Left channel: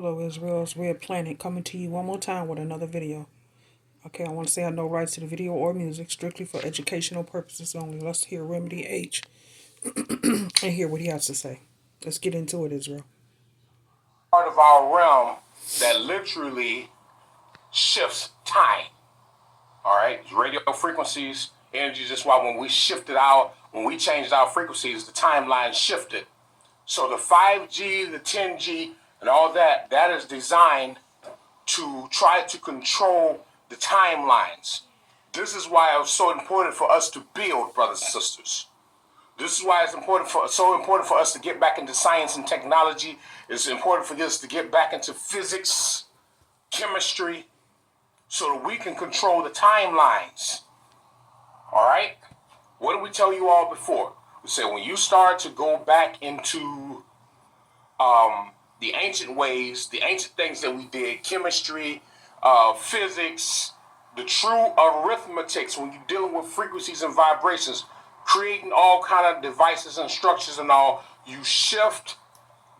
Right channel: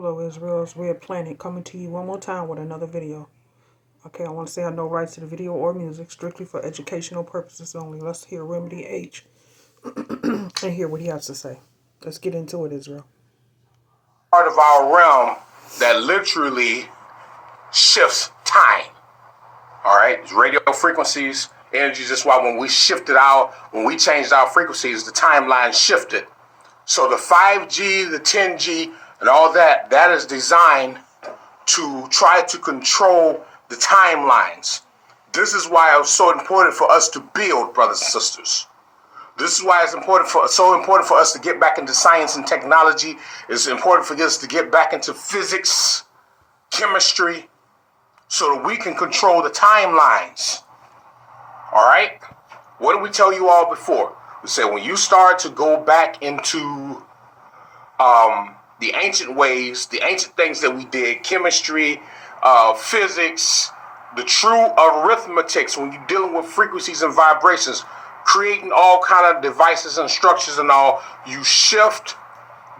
Hello, Israel's Red Planet, coming to you one more time with another video. Okay, I want to say I have no rights to the video or music, strictly for educational purposes only. Let's hear Remedy H and hear what he has to say. Let's get into it, Israel. Part of our realm that literally shifts time. All right, it's radio frequencies, energy. That's why when we changed our frequencies, the timeline shifted. So the 5G, the 10G, and all that is designed to try to control the timelines. This is why it was so important for us to build, brothers and sisters. This is why it's so important for us to get back into science and technology. It's important for us to get back into physics, chemistry, so that we can control the timelines. All right? What did we tell you all before? We said when you start to go back into the ancient ways, the ancient things that we did, chemistry, physics, the true arithmetics, when you're dealing with frequencies and vibrations, creating all kind of devices and structures and all, you shift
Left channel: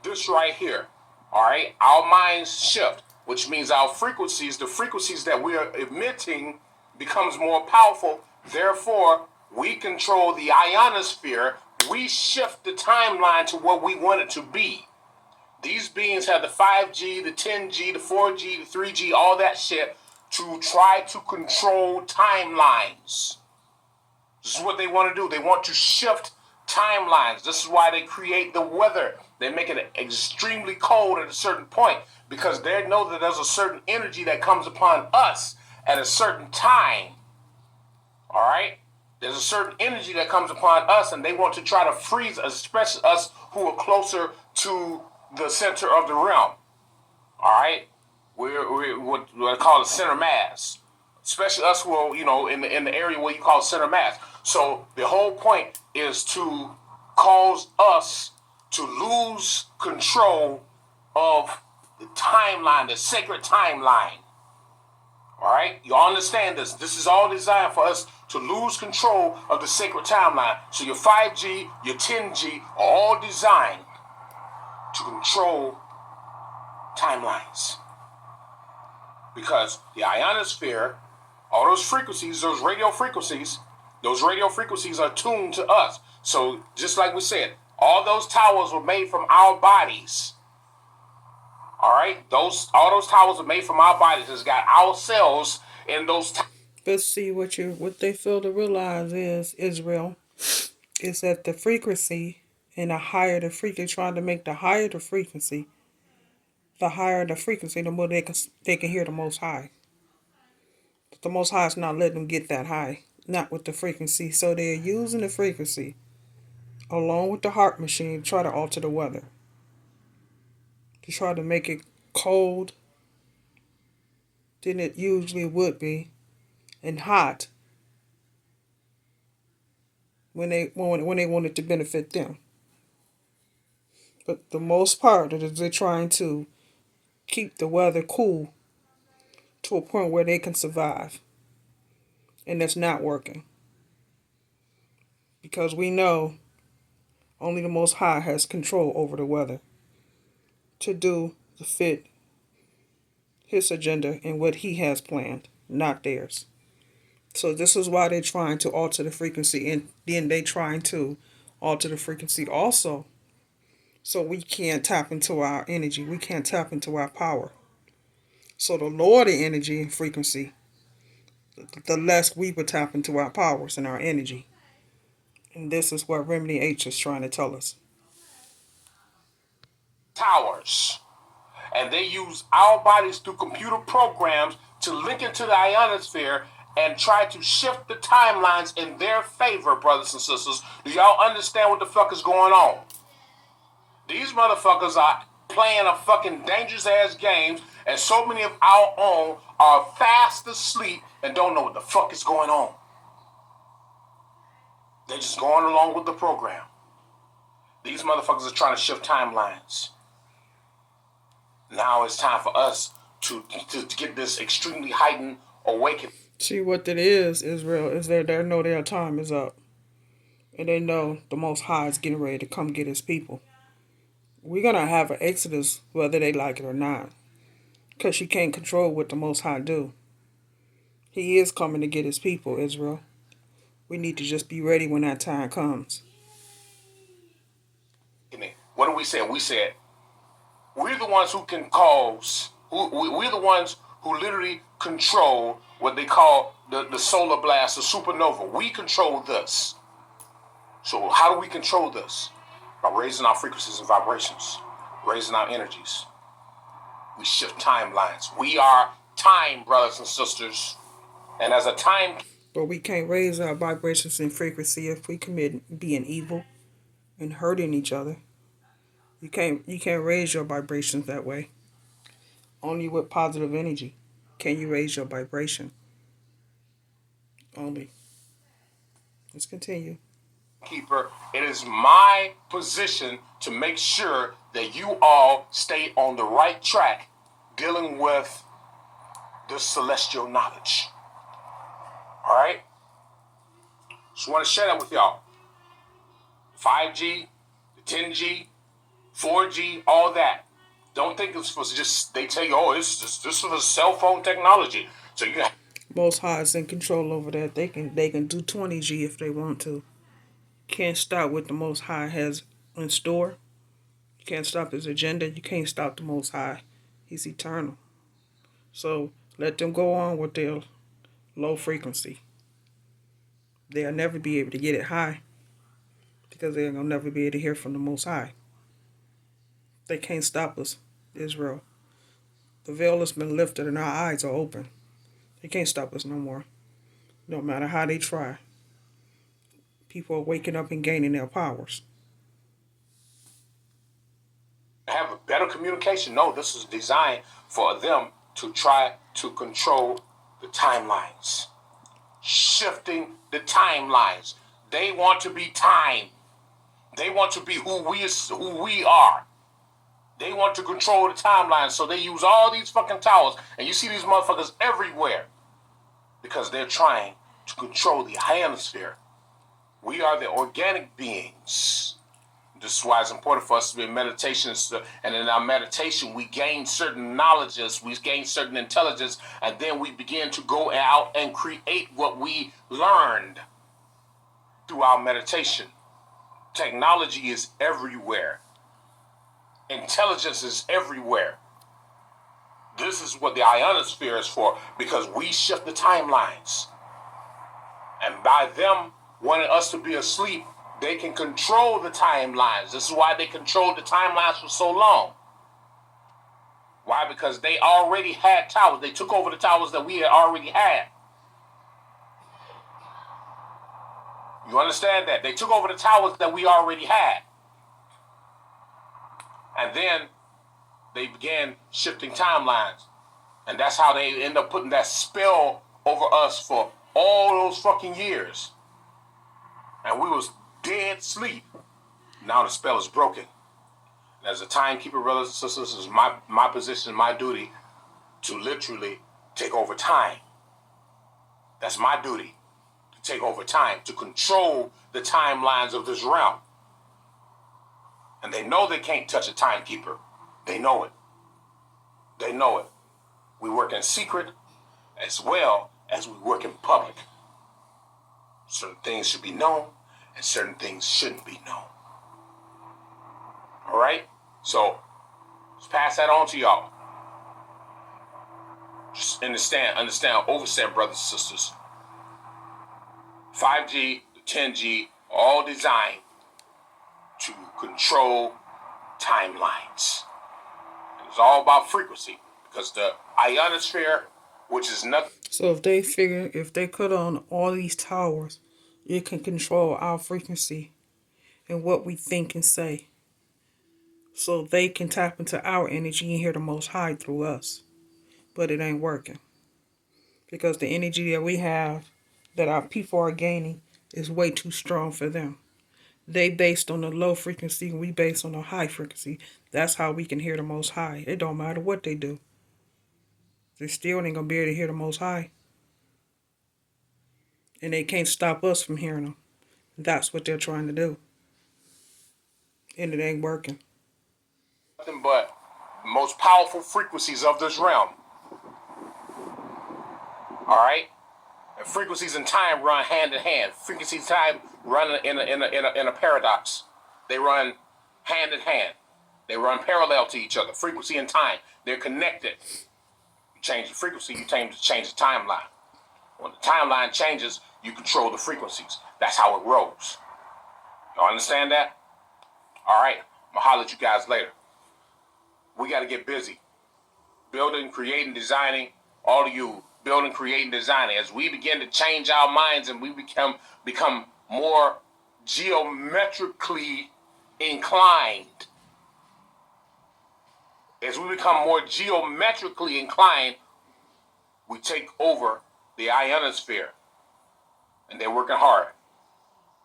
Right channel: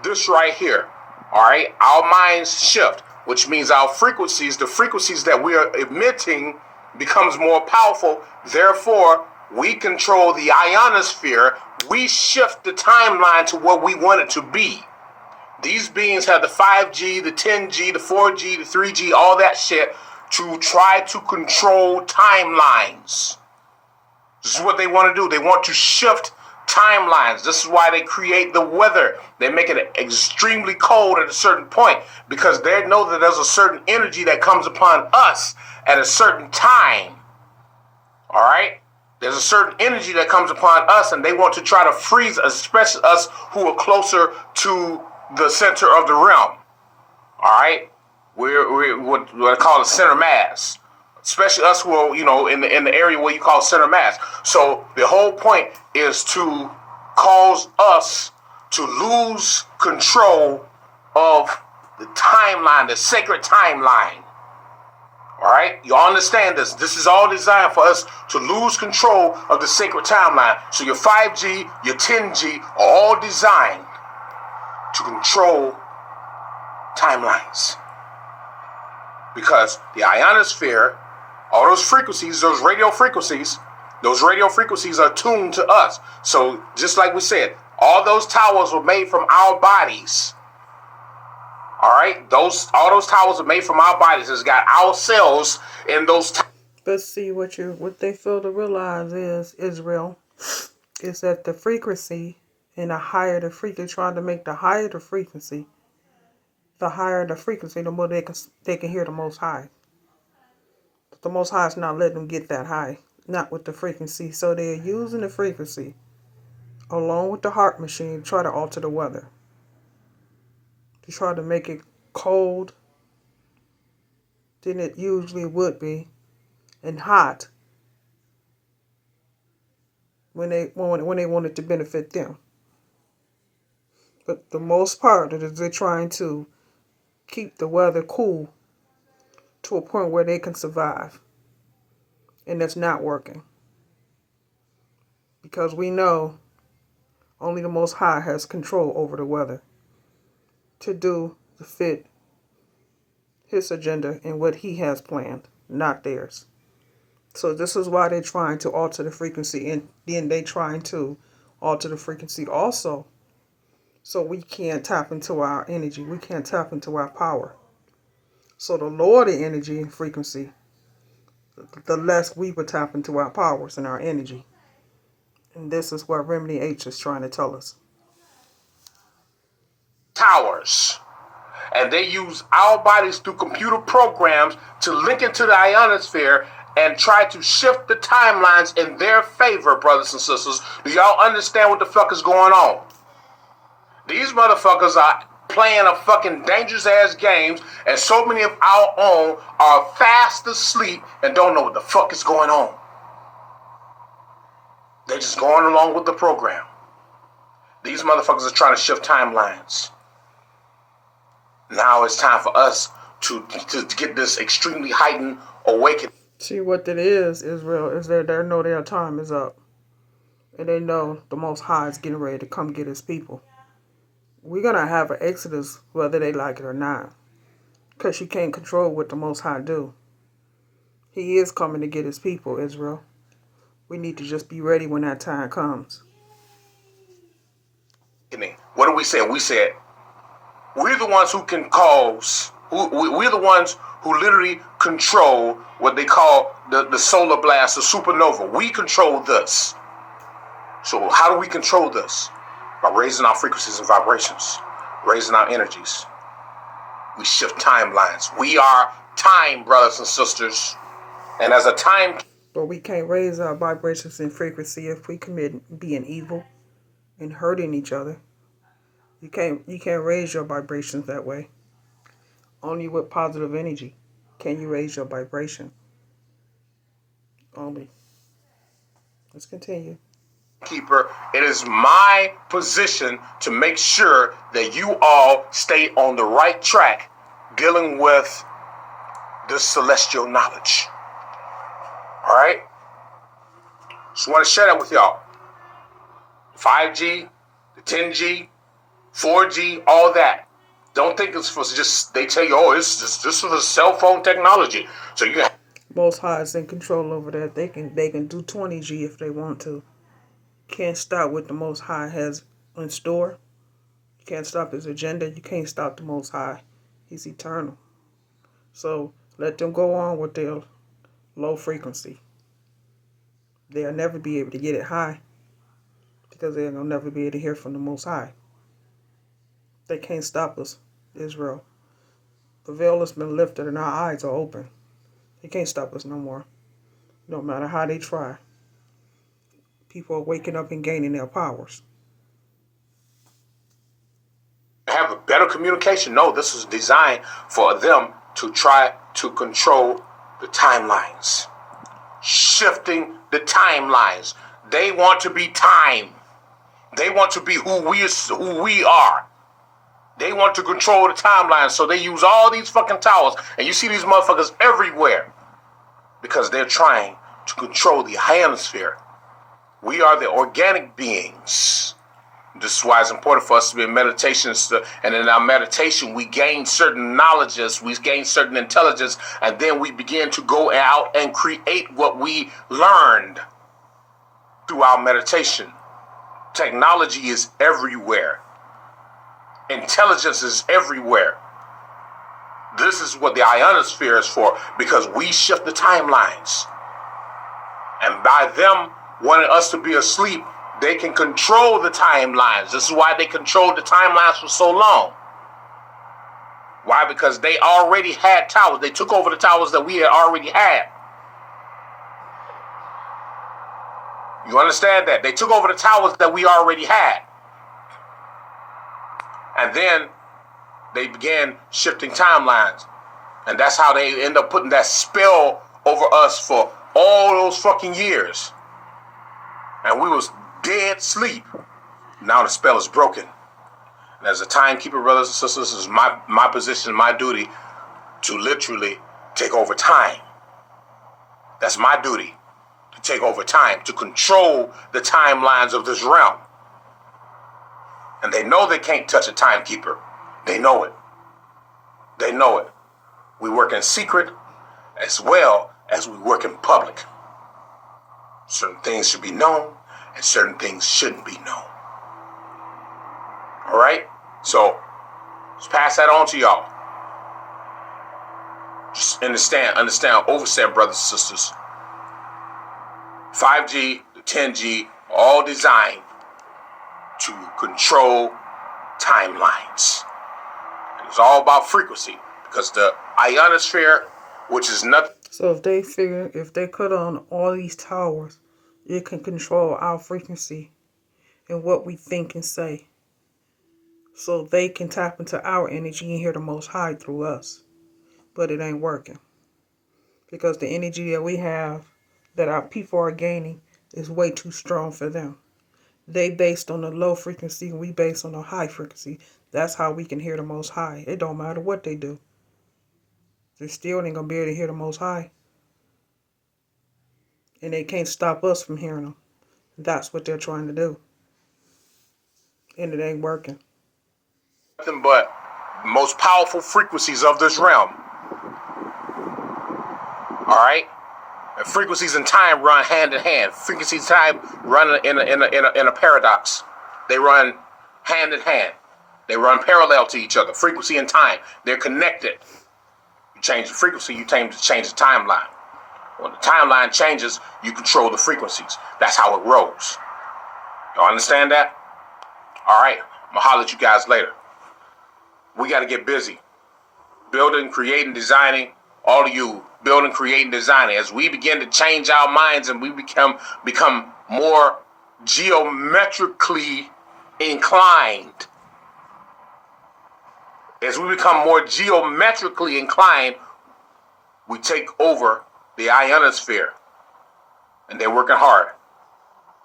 this right here. All right? Our minds shift, which means our frequencies, the frequencies that we are emitting, becomes more powerful. Therefore, we control the ionosphere. We shift the timeline to what we want it to be. These beings have the 5G, the 10G, the 4G, the 3G, all that shit to try to control timelines. This is what they want to do. They want to shift timelines. This is why they create the weather. They make it extremely cold at a certain point because they know that there's a certain energy that comes upon us at a certain time. All right? There's a certain energy that comes upon us, and they want to try to freeze, especially us who are closer to the center of the realm. All right? We're what I call the center mass. Especially us who are, in the area where you call center mass. So the whole point is to cause us to lose control of the timeline, the sacred timeline. All right? You all understand this. This is all designed for us to lose control of the sacred timeline. So your 5G, your 10G are all designed to control timelines. Because the ionosphere, all those frequencies, those radio frequencies are tuned to us. So just like we said, all those towers were made from our bodies. All right? All those towers are made from our bodies. It's got our cells in those towers. But see, what they fail to realize is, Israel, is that the frequency and the higher the frequency, trying to make the higher the frequency, the more they can hear the Most High. But the Most High is not letting them get that high, not with the frequency. So they're using the frequency along with the heart machine to try to alter the weather, to try to make it cold than it usually would be, and hot when they want it to benefit them. But the most part of it is they're trying to keep the weather cool to a point where they can survive. And that's not working. Because we know only the Most High has control over the weather to fit his agenda and what he has planned, not theirs. So this is why they're trying to alter the frequency, and then they're trying to alter the frequency also, so we can't tap into our energy. We can't tap into our power. So the lower the energy and frequency, the less we would tap into our powers and our energy. And this is what Remedy H is trying to tell us. Towers. And they use our bodies through computer programs to link into the ionosphere and try to shift the timelines in their favor, brothers and sisters. Do y'all understand what the fuck is going on? These motherfuckers are playing a fucking dangerous ass games, and so many of our own are fast asleep and don't know what the fuck is going on. They're just going along with the program. These motherfuckers are trying to shift timelines. Now it's time for us to get this extremely heightened awakening. See what that is, Israel, is they know their time is up. And they know the Most High is getting ready to come get his people. we're going to have an exodus whether they like it or not. Because you can't control what the Most High do. He is coming to get his people, Israel. We need to just be ready when that time comes. What do we say? We said, we're the ones who can cause, we're the ones who literally control what they call the solar blast, the supernova. We control this. So how do we control this? By raising our frequencies and vibrations, raising our energies. We shift timelines. We are time, brothers and sisters. And as a time... But we can't raise our vibrations and frequency if we commit being evil and hurting each other. You can't raise your vibrations that way. Only with positive energy can you raise your vibration. Only. Let's continue. Keeper, it is my position to make sure that you all stay on the right track dealing with this celestial knowledge. All right? Just want to share that with y'all. 5G, the 10G, 4G, all that. Don't think it's for just, they tell you, oh, this is a cell phone technology. So you can... Most High is in control over that. They can do 20G if they want to. Can't stop what the Most High has in store. You can't stop his agenda. You can't stop the Most High. He's eternal. So let them go on with their low frequency. They'll never be able to get it high because they're going to never be able to hear from the Most High. They can't stop us, Israel. The veil has been lifted and our eyes are open. They can't stop us no more. No matter how they try. People are waking up and gaining their powers. Have a better communication. No, this is designed for them to try to control the timelines. Shifting the timelines. They want to be time. They want to be who we are. They want to control the timelines, so they use all these fucking towers. And you see these motherfuckers everywhere because they're trying to control the ionosphere. We are the organic beings. This is why it's important for us to be in meditation. And in our meditation, we gain certain knowledges, we gain certain intelligence, and then we begin to go out and create what we learned through our meditation. Technology is everywhere. Intelligence is everywhere. This is what the ionosphere is for, because we shift the timelines. And by them wanting us to be asleep, they can control the timelines. This is why they controlled the timelines for so long. Why? Because they already had towers. They took over the towers that we had already had. You understand that? They took over the towers that we already had. And then they began shifting timelines. And that's how they end up putting that spell over us for all those fucking years. And we was dead sleep. Now the spell is broken. And as a timekeeper, brothers and sisters, this is my position, my duty to literally take over time. That's my duty, to take over time, to control the timelines of this realm. And they know they can't touch a timekeeper. They know it. They know it. We work in secret as well as we work in public. Certain things should be known and certain things shouldn't be known. All right? So, let's pass that on to y'all. Just understand, overstand, brothers and sisters. 5G, the 10G, all designed to control timelines. And it's all about frequency, because the ionosphere, which is nothing. So if they cut on all these towers, it can control our frequency and what we think and say. So they can tap into our energy and hear the Most High through us. But it ain't working. Because the energy that we have, that our people are gaining, is way too strong for them. They based on the low frequency and we based on the high frequency. That's how we can hear the Most High. It don't matter what they do. They still ain't gonna be able to hear the Most High. And they can't stop us from hearing them. That's what they're trying to do. And it ain't working. nothing but most powerful frequencies of this realm. All right? And frequencies and time run hand in hand. Frequencies and time run in a paradox. They run hand in hand. They run parallel to each other. Frequency and time, they're connected. You change the frequency, you change the timeline. When the timeline changes, you control the frequencies. That's how it rolls. Y'all understand that? All right, I'm gonna holler at you guys later. We got to get busy. Building, creating, designing. All of you, building, creating, designing. As we begin to change our minds and we become more geometrically inclined. As we become more geometrically inclined, we take over the ionosphere. And they're working hard.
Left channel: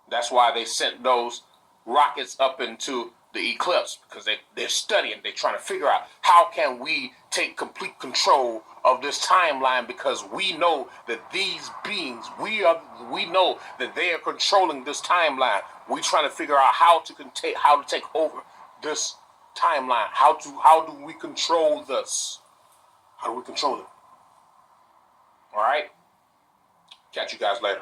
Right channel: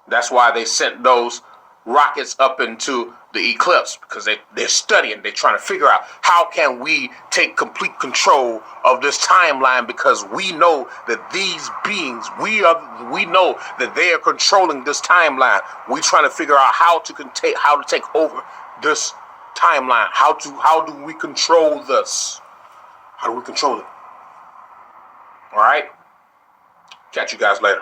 That's why they sent those rockets up into the eclipse, because they're studying, they're trying to figure out how can we take complete control of this timeline, because we know that these beings, we know that they are controlling this timeline. We're trying to figure out how to take over this timeline. How do we control this? How do we control it? All right? Catch you guys later.